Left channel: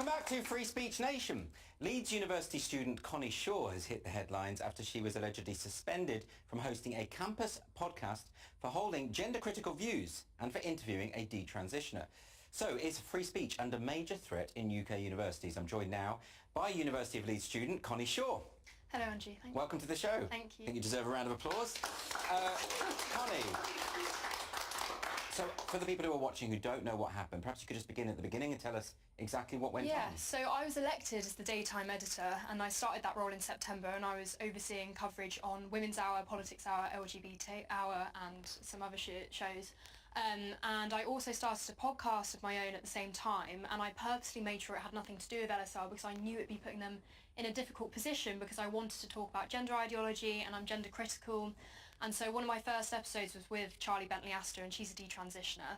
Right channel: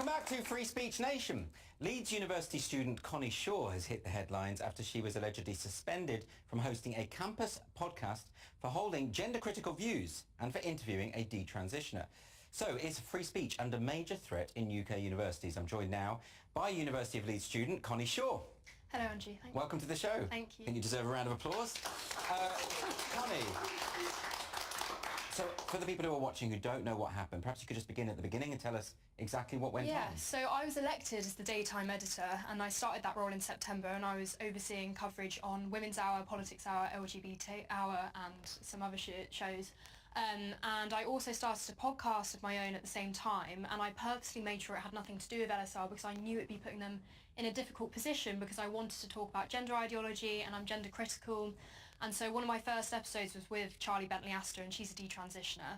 Welcome back to Free Speech Nation. Leeds University student Connie Shaw has hit the headlines after she was allegedly suspended from hosting a campus podcast for holding gender-critical views and for interviewing a detransitioner. So is free speech under major threat in UK universities? I'm joined now by University of Leeds student Connie Shaw. Hello, Andrew. Thank you. Welcome to the show. Thank you. I think you deserve a round of applause. Connie, so for the people who are watching who don't know what happened, perhaps you could just begin at the beginning and tell us exactly what went on. Yeah, so I was elected as the daytime editor and I started that role in September, and I was overseeing coverage on Women's Hour, Politics Hour, LGBT Hour and some other shows. And I also started a podcast of my own at the same time, and I purposely made sure it had nothing to do with LSR because I knew it'd be putting them in a difficult position, because I wanted to talk about gender ideology and I'm gender critical. And so one of my first episodes was with Charlie Bentley-Astor, and she's a detransitioner.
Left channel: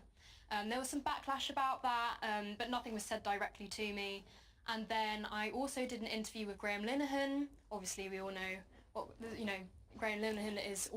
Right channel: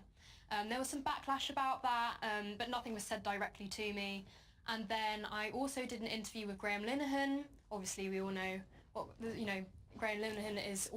There was some backlash about that, but nothing was said directly to me. And then I also did an interview with Linehan. Obviously we all know what, Graham Linehan is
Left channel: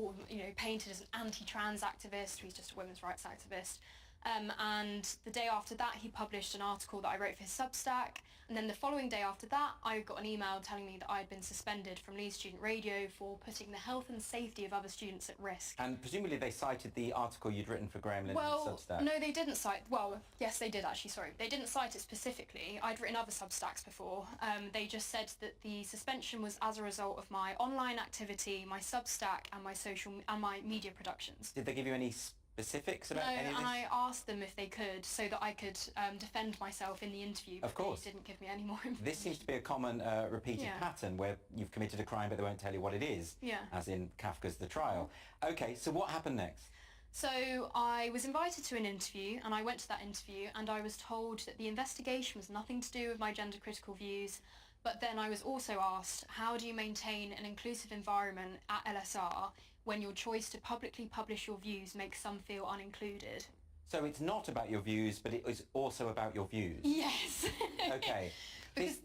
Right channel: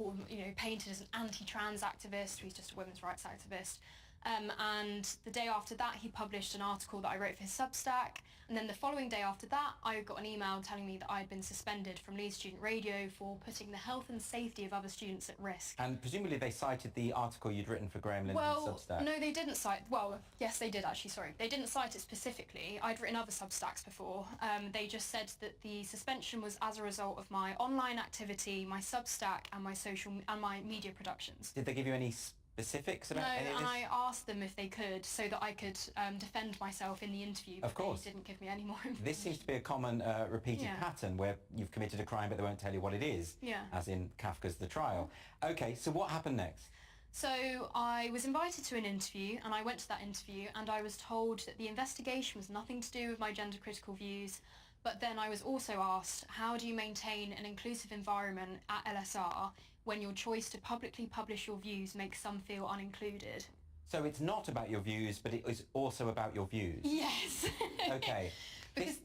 painted as an anti-trans activist. He's just a women's rights activist. And the day after that, he published an article that I wrote for his Substack. And then the following day after that, I got an email telling me that I had been suspended from Leeds Student Radio for putting the health and safety of other students at risk. And presumably they cited the article you'd written for Graham Linehan's Substack. No, they didn't cite... Well, yes, they did actually, sorry. They didn't cite it specifically. I'd written other Substacks before. They just said that the suspension was as a result of my online activity, my Substack and my media productions. Did they give you any specifics about any of this? No, and I asked them if they could, so that I could defend myself in the interview, but of course. They didn't give me any more information. This seems to be a common repeated pattern where you've committed a crime but they won't tell you what it is, as in Kafka's The Trial. Okay, so what happened next? So I was invited to an interview, and I went to that interview, and I was told that the investigation was nothing to do with my gender critical views. But then I was also asked, how do you maintain an inclusive environment at LSR when your choice to publicly publish your views makes some feel unincluded? So it's not about your views, but it is also about your views? Yes. Okay. Because,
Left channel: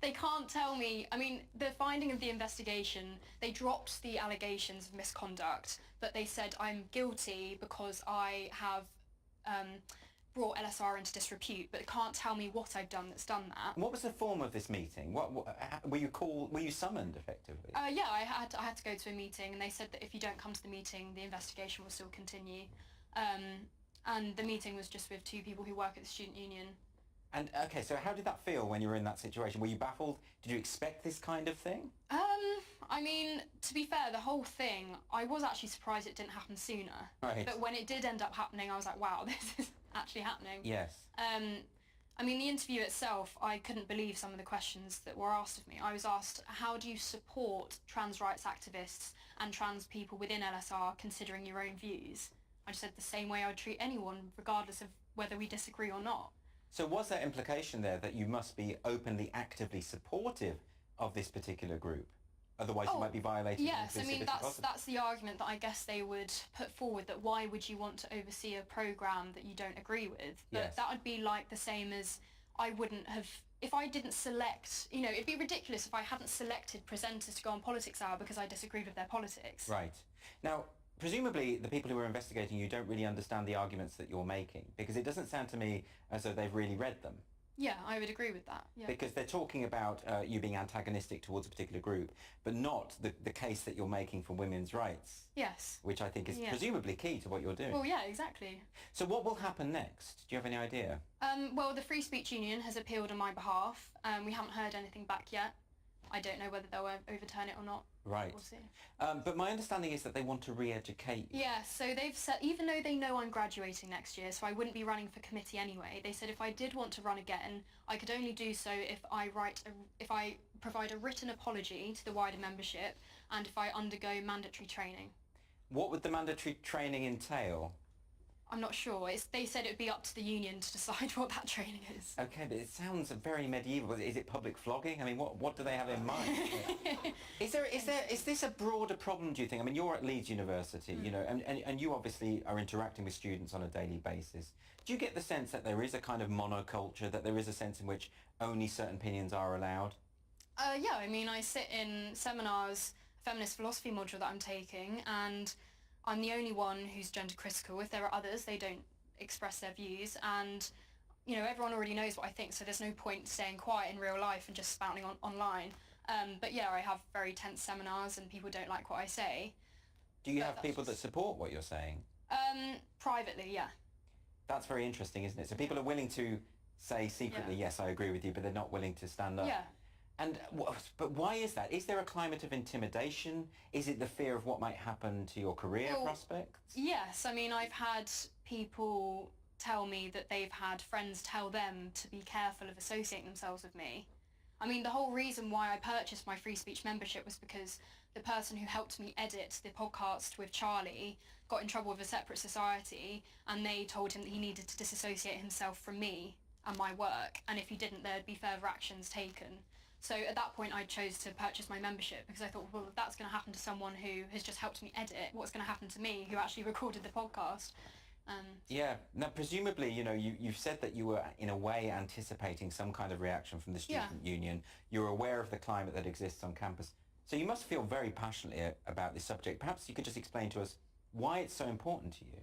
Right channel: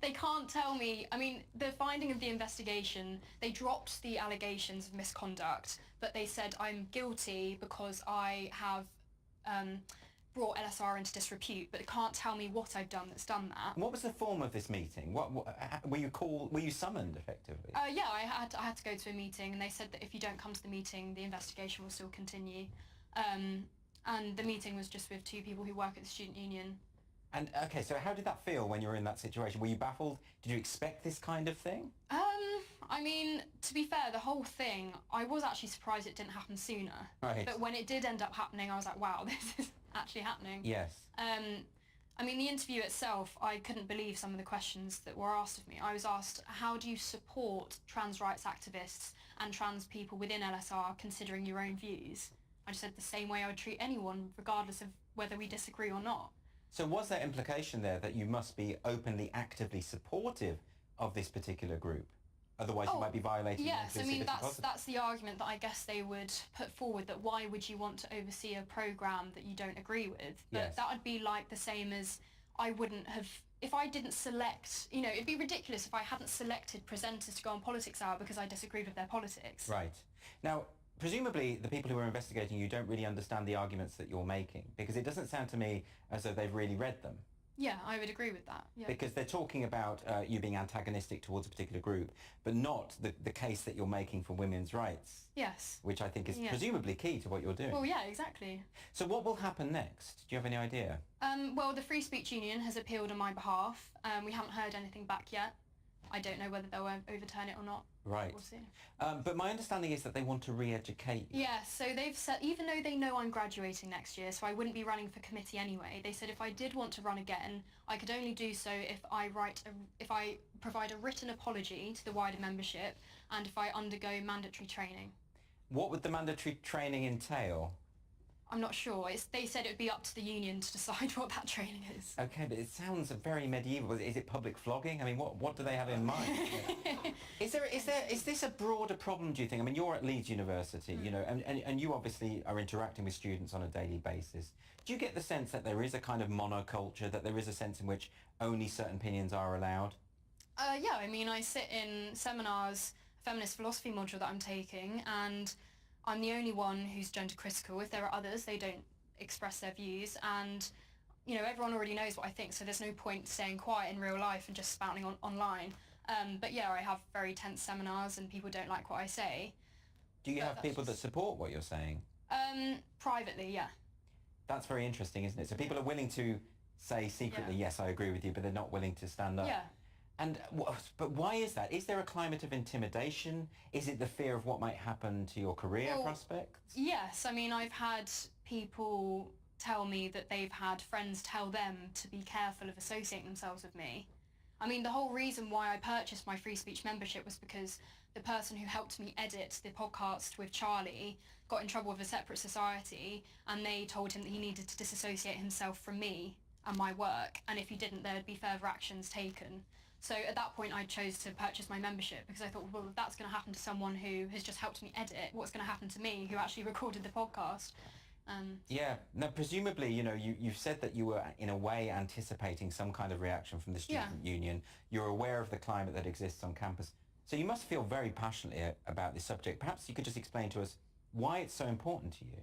they can't tell me. I mean, the finding of the investigation, they dropped the allegations of misconduct, but they said I'm guilty because I have brought LSR into disrepute, but they can't tell me what I've done that's done that. What was the form of this meeting? What were you summoned effectively? Yeah, I had to go to a meeting, and they said that if you don't come to the meeting, the investigation will still continue. And the meeting was just with two people who work at the student union. And okay, so how did that feel when you were in that situation? Were you baffled? Did you expect this kind of thing? I mean, to be fair, the whole thing, I was actually surprised it didn't happen sooner. Right. But when it did end up happening, I was like, wow, this is actually happening. Yes. I mean, the interview itself, I couldn't believe some of the questions that were asked of me. I was asked, how do you support trans rights activists and trans people within LSR considering your own views? I just said the same way I would treat anyone, regardless of whether we disagree or not. So was there implication there that you must be openly, actively supportive of this particular group? Otherwise you might be violating... Yes, I mean, that's the argument that I guess they would put forward, that why would you want to oversee a programme that you don't agree with? But that would be like the same as I wouldn't have... If I didn't select... it'd be ridiculous if I hadn't selected presenters to go on Politics Hour because I disagreed with their politics. Right. Now, presumably the people who are investigating you don't really understand the arguments that you're making, because it doesn't sound to me as though they've really read them. Yeah, I would agree with that. Yeah. Because they're talking about you being antagonistic towards a particular group, but not the case that you're making for women's rights. Yes. Which I think is presumably key to what you're doing. Well, yeah, exactly. So what will happen next? Do you have any idea? Well, the Free Speech Union has appealed on my behalf. We haven't heard anything back yet. I don't know whether they'll overturn it or not. Right. We'll see. But my understanding is that they want to re-educate you. Yeah, so they've said, even though they know I'm graduating next year, so I wouldn't be running for committee anyway, they said if I did want to run again, I could only do so if I provide a written apology to the wider membership and if I undergo mandatory training. What would the mandatory training entail? I'm not sure. They said it would be up to the union to decide what that training is. Okay, but it sounds very medieval. Is it public flogging? I mean, what do they have in mind? Is this a broader problem, do you think? I mean, you're at Leeds University, and you obviously are interacting with students on a daily basis. Do you get the sense that there is a kind of monoculture, that there is a sense in which only certain opinions are allowed? Yeah, I mean, I sit in seminars, feminist philosophy module that I'm taking, and I'm the only one who's gender critical. If there are others, they don't express their views, and everyone already knows what I think, so there's no point staying quiet in real life and just spouting online. But yeah, I have very tense seminars and people don't like what I say. Do you have people that support what you're saying? Privately, yeah. That's very interesting, isn't it? So people are willing to say secretly, yes, I agree with you, but they're not willing to stand up. Yeah. And but why is that? Is there a climate of intimidation? Is it the fear of what might happen to your career prospects? Yes, I mean, I've had people tell me that they've had friends tell them to be careful of associating themselves with me. I mean, the whole reason why I purchased my free speech membership was because the person who helped me edit the podcast with Charlie got in trouble with a separate society, and they told him that he needed to disassociate himself from me and my work, and if he didn't, there'd be further actions taken. So at that point, I chose to purchase my membership because I thought, well, if that's going to happen to someone who has just helped me edit, what's going to happen to me who actually recorded the podcast? Yeah. Now, presumably, you've said that you were, in a way, anticipating some kind of reaction from the student union. You're aware of the climate that exists on campus. So you must feel very passionately about this subject. Perhaps you could just explain to us why it's so important to you.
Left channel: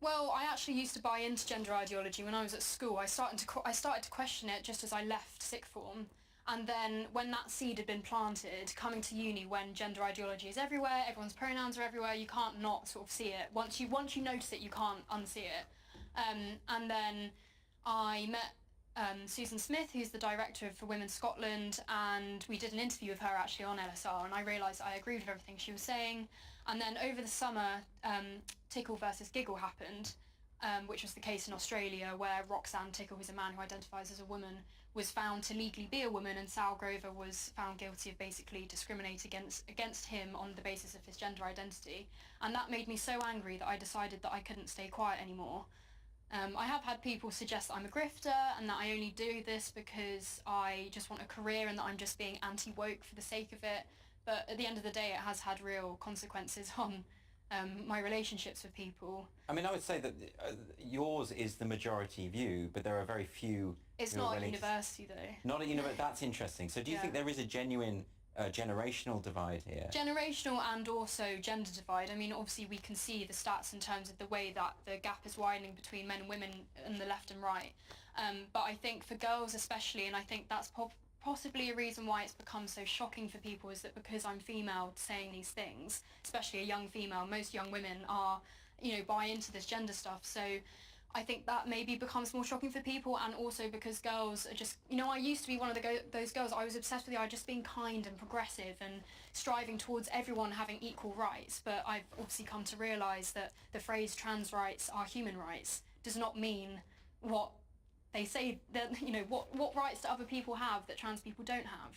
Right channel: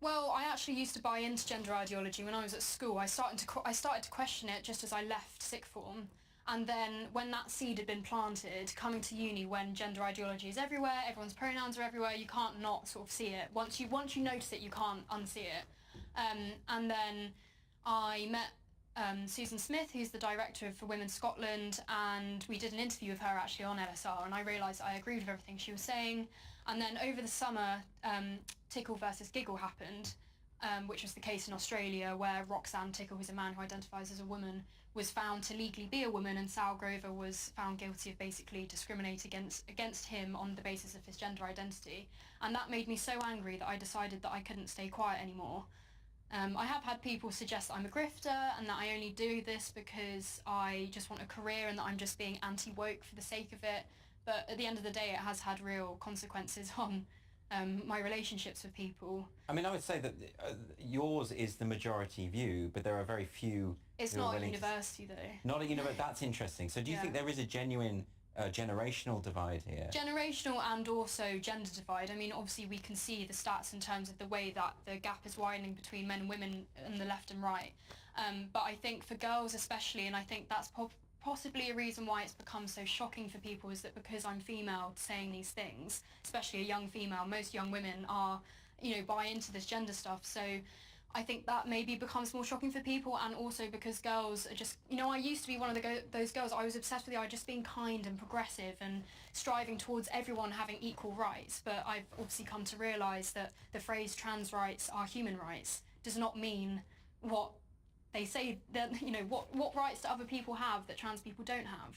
Well, I actually used to buy into gender ideology when I was at school. I started to question it just as I left sixth form. And then when that seed had been planted, coming to uni when gender ideology is everywhere, everyone's pronouns are everywhere, you can't not sort of see it. Once you notice it, you can't unsee it. And then I met Susan Smith, who's the director for Women Scotland, and we did an interview with her actually on LSR, and I realised I agreed with everything she was saying. And then over the summer, Tickle versus Giggle happened, which was the case in Australia, where Roxanne Tickle, who's a man who identifies as a woman, was found to legally be a woman, and Sal Grover was found guilty of basically discriminating against him on the basis of his gender identity. And that made me so angry that I decided that I couldn't stay quiet anymore. I have had people suggest that I'm a grifter and that I only do this because I just want a career and that I'm just being anti-woke for the sake of it. But at the end of the day, it has had real consequences on my relationships with people. I mean, I would say that yours is the majority view, but there are very few... It's not at university, though. Not at university. That's interesting. So do you think there is a genuine generational divide here? Generational and also gender divide. I mean, obviously we can see the stats in terms of the way that the gap is widening between men and women on the left and right. But I think for girls especially, and I think that's possibly a reason why it's become so shocking for people, is that because I'm female saying these things, especially a young female, most young women are, buy into this gender stuff. So I think that maybe becomes more shocking for people, and also because girls are just, I used to be one of those girls. I was obsessed with the idea of just being kind and progressive and striving towards everyone having equal rights, but I've obviously come to realise that the phrase trans rights are human rights does not mean what they say, that, what rights do other people have that trans people don't have?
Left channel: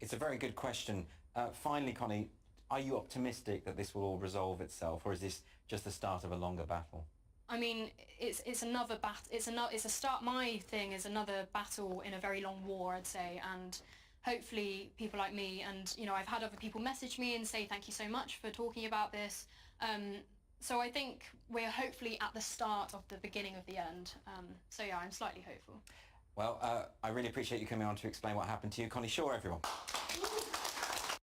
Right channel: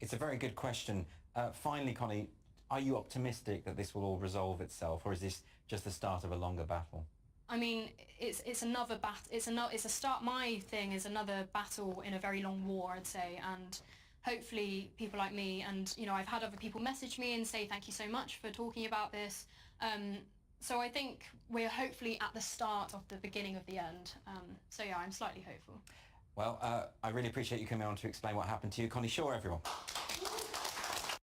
It's a very good question. Finally, Connie, are you optimistic that this will all resolve itself, or is this just the start of a longer battle? I mean, it's another battle. It's a start. My thing is another battle in a very long war, I'd say, and hopefully people like me, and I've had other people message me and say thank you so much for talking about this. So I think we're hopefully at the start of the beginning of the end. So yeah, I'm slightly hopeful. Well, I really appreciate you coming on to explain what happened to you. Connie Shaw, everyone.